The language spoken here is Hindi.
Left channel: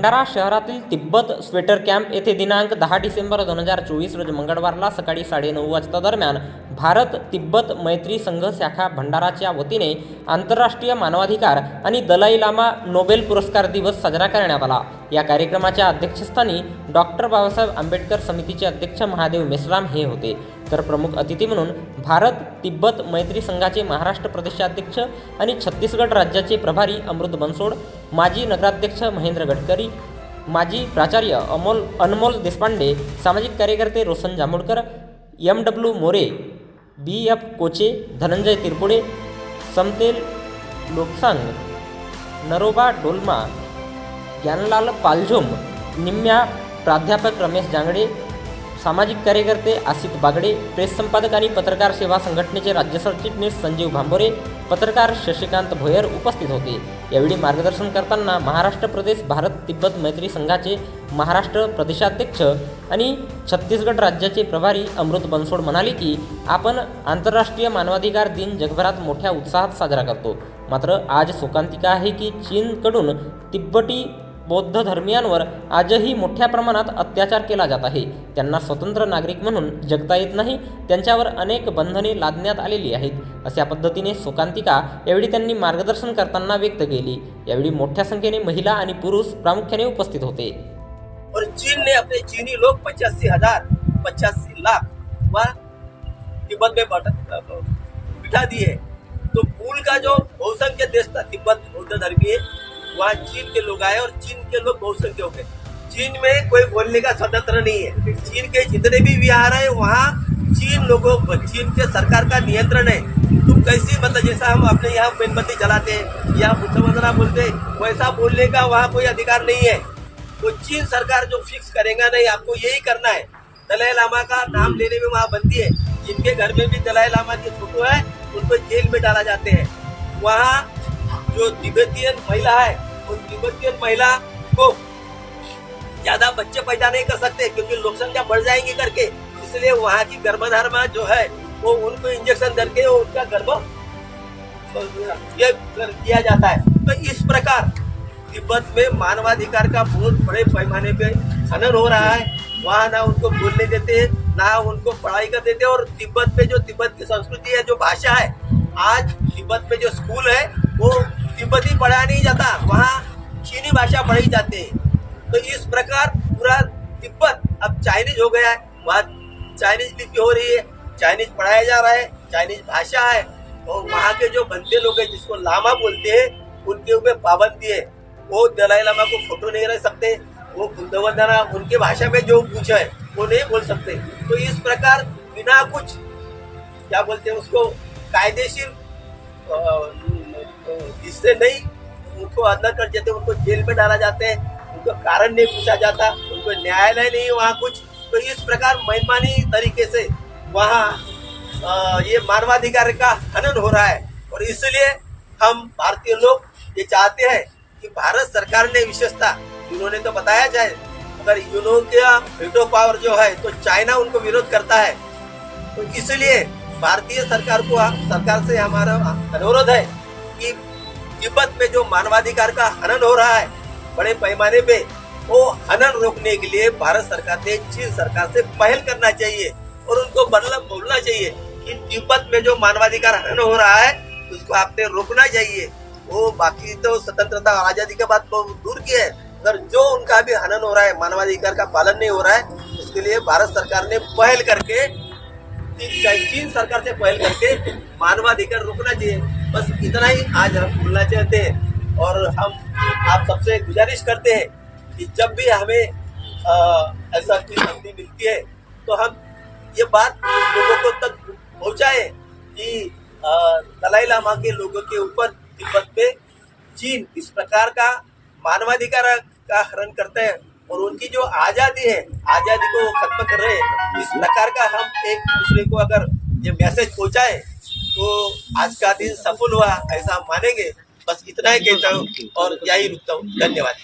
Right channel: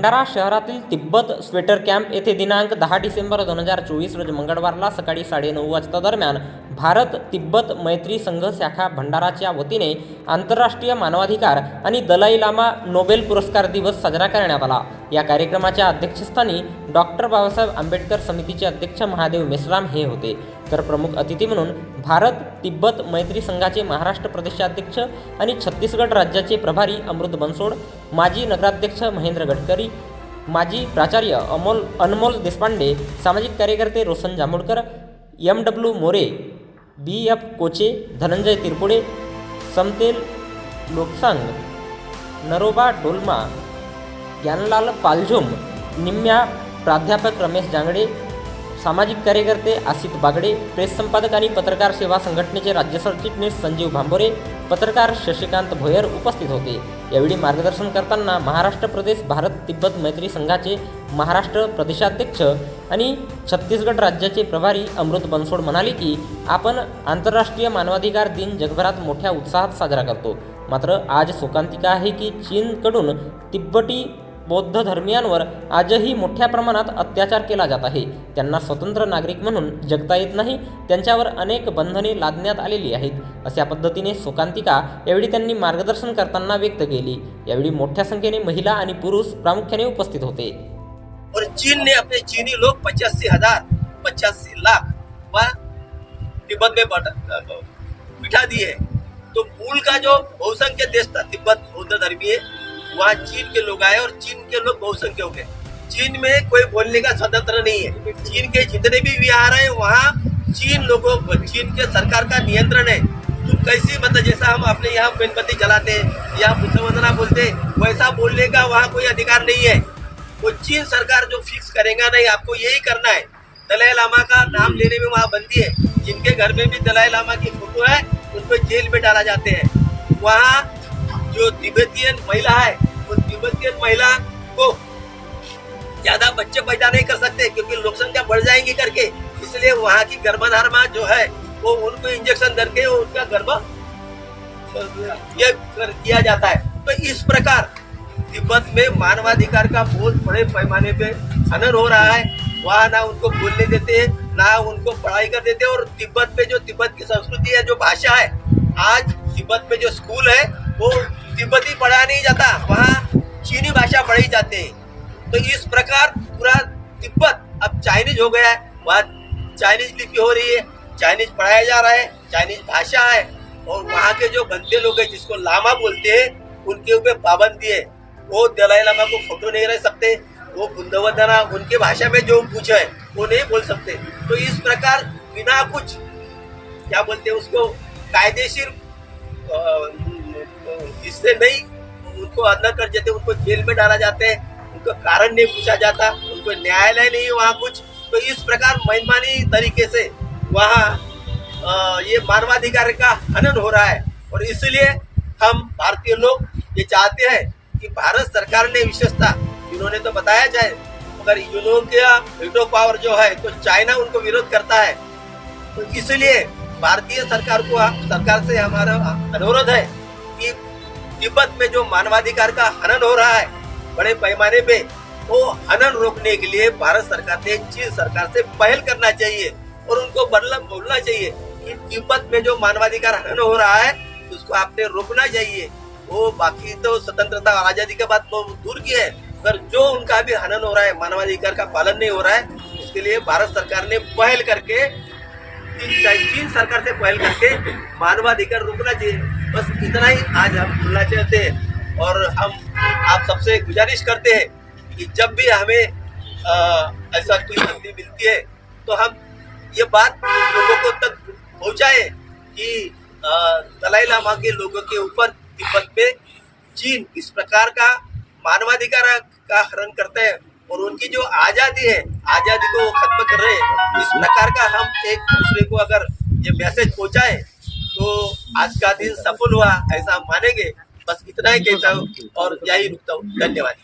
भंडारा शहरातील तिब्बत स्वेटर कॅम्प येथे दिनांक 10 डिसेंबर 2024 रोजी मंगळवारला सकाळी 9:30 वाजता दरम्यान भारत तिब्बत मैत्री संघ शाखा भंडाराच्या वतीने आंतरराष्ट्रीय मानवाधिकार आणि दलाई लामा नोबेल पुरस्कार दिवस साजरा करण्यात आला। या कार्यक्रमाच्या अध्यक्षस्थानी डॉक्टर बाबासाहेब आंबेडकर समितीचे अध्यक्ष महादेव मेश्राम हे होते, तर प्रमुख अतिथी म्हणून भारत तिब्बत मैत्री संघाचे महाराष्ट्र प्रदेशाध्यक्ष आणि छत्तीसगड राज्याचे प्रभारी अमृत बनसोड, माजी नगराध्यक्ष महेंद्र गडकरी, माजी प्राचार्य अनमोल देशपांडे, सामाजिक कार्यकर्ते रोशन जांभूळकर, MW मोरे, BF कोचे, धनंजय तिरपुडे, समतेल लोकसांग, नरोबा डोलमा, ज्ञानलाल पालझुम, निम्म्या प्राध्यापक रमेश जांगडे, सामाजिक कार्यकर्ते आसित बागडे, प्रेस संपादक आणि पत्रकार सेवा संघटनेचे राज्य सरचिटणीस संजीव भांबोरे, पत्रकार शशिकांत भोयर उपस्थित होते। यावेळी मार्गदर्शन करताना महाराष्ट्र प्रदेश भारत तिब्बत मैत्री संघाचे महाराष्ट्र प्रदेशाध्यक्ष आणि छत्तीसगड राज्याचे प्रभारी अमृत बनसोड म्हणाले की आपण आंतरराष्ट्रीय मानवाधिकार दिन जगभरात मोठ्या उत्साहात साजरा करतो, मात्र आज शोकांतिका आहे की चीनकडून तिब्बती बौद्ध धर्मीयांवर आजही मोठ्या प्रमाणात अत्याचार केला जात आहे। त्यांना स्वतंत्र नागरिक म्हणून जगता येत नाही, त्यांच्यावर अनेक बंधने लादण्यात आलेली आहेत, अशा पद्धतीने शोकांतिका यावेळी त्यांनी मार्गदर्शन करताना व्यक्त केली। यावेळी मोठ्या संख्येने महिला आणि पुरुष प्रामुख्याने उपस्थित होते। और चीन ने अपने चीनी लोग 85 लाख वह तिब्बत में बिठा दिए। तो मूल का जो बहुसंख्य देश था तिब्बत बौद्ध धर्मीय, वहाँ चीन के लोग आए और चीन के लोग बहुसंख्य हो गए। चीन में कोई बोलने का स्वतंत्र नहीं है। चीन के जितने भी विहार है वहाँ चीन के सरकार का नियंत्रण है। तुम कैसी मतलब जैसा हम अपने यहाँ मेणबत्ती जलाते हैं, यहाँ बुद्ध वंदना बोलते हैं, वैसा बोलने का वहाँ कोई अधिकार नहीं है। तो चीन सरकार जो फिक्स करेगा नहीं, आपको यही करना है। दलाई लामा का नाम लेने में वहाँ बंदी है। जिनके घर में भी दलाई लामा की फोटो है उनको जेल में डाला जाते हैं। वहाँ जो तिब्बतियन महिला है उन तिब्बतियन महिला को ज्यादा बच्चे पैदा नहीं कर सकते क्योंकि लोक संख्या बढ़ जाएंगी करके, इसलिए वहाँ की गर्भधारणा जो है वो उनको इंजेक्शन करके उनका गर्भ ये कर दिया जाता है। तो इस प्रकार तिब्बत में मानवाधिकार का बहुत बड़े पैमाने पे हनन हो रहा है। वहाँ ना उनको बोलने देते, ना उनको पढ़ाई कर देते। और तिब्बत पे जो तिब्बत की संस्कृति है, जो भाषा है, आज तिब्बत में जो स्कूल है वो तिब्बती पढ़ाया नहीं जाता, वहाँ चीनी भाषा पढ़ी जाती है। तो इस प्रकार पूरा तिब्बत अब चाइनीज हो गया है। वहाँ चाइनीज लिपि हो रही है, चाइनीज पढ़ाया जा रहा है, चाइनीज भाषा है। और वहाँ के जो गंदे लोग हैं जिसको लामा बोलते हैं, उनके ऊपर पाबंदी है। वो दलाई लामा को फोटो नहीं रह सकते, वो बुद्ध वंदना उनके भाषा में जो कुछ है वो नहीं बोल सकते। तो इस प्रकार बिना कुछ क्या बोलते हैं उसको कायदेशीर जिससे नहीं उनको अंदर कर देते, उनको जेल में डाला जाते हैं, उनको कारण नहीं पूछा जाता, उनको न्यायालय नहीं वहाँ कुछ। तो इस प्रकार मनमानी तरीके से वहाँ ये मानवाधिकार का हनन हो रहा है। और इसलिए हम भारतीय लोग ये चाहते हैं कि भारत सरकार ने विशेषता, इन्होंने तो बताया जाए, मगर यूनो का वीटो पावर जो है तो चाइना उनको विरोध करता है। तो इसलिए भारतीय सरकार से हमारा अनुरोध है कि तिब्बत में जो मानवाधिकार का हनन हो रहा है बड़े पैमाने पे, वो हनन रोकने के लिए भारत सरकार ने चीन सरकार से पहल करना चाहिए और उनको बोलना चाहिए कि तिब्बत में जो मानवाधिकार हनन हो रहा है उसको आपने रोकना चाहिए। वो बाकी तो स्वतंत्रता और आजादी के बाद तो दूर की है, अगर जो उनका भी हनन हो रहा है, मानवाधिकार का पालन नहीं हो रहा है, उसके लिए भारत सरकार ने पहल करके, चीन सरकार से पहल करके मानवाधिकार रोकना चाहिए। बस इतना ही आज हम बोलना चाहते हैं। और हम आप सबसे गुजारिश करते हैं कि जब भी हमें ऐसा कोई संधि मिलती है तो हम ये बात लोगों को तक पहुंचाए कि दलाई लामा के लोगों के ऊपर तिब्बत में चीन इस प्रकार का मानवाधिकार का हनन करते हैं और उनकी जो आज़ादी है, आज़ादी को वो खत्म कर रहे हैं। इस प्रकार का हम एक दूसरे को अगर ये मैसेज पहुंचाए तो आज का दिन सफल हुआ ऐसा हम मानेंगे। बस इतना ही कहता हूँ और यही रुकता हूँ। धन्यवाद।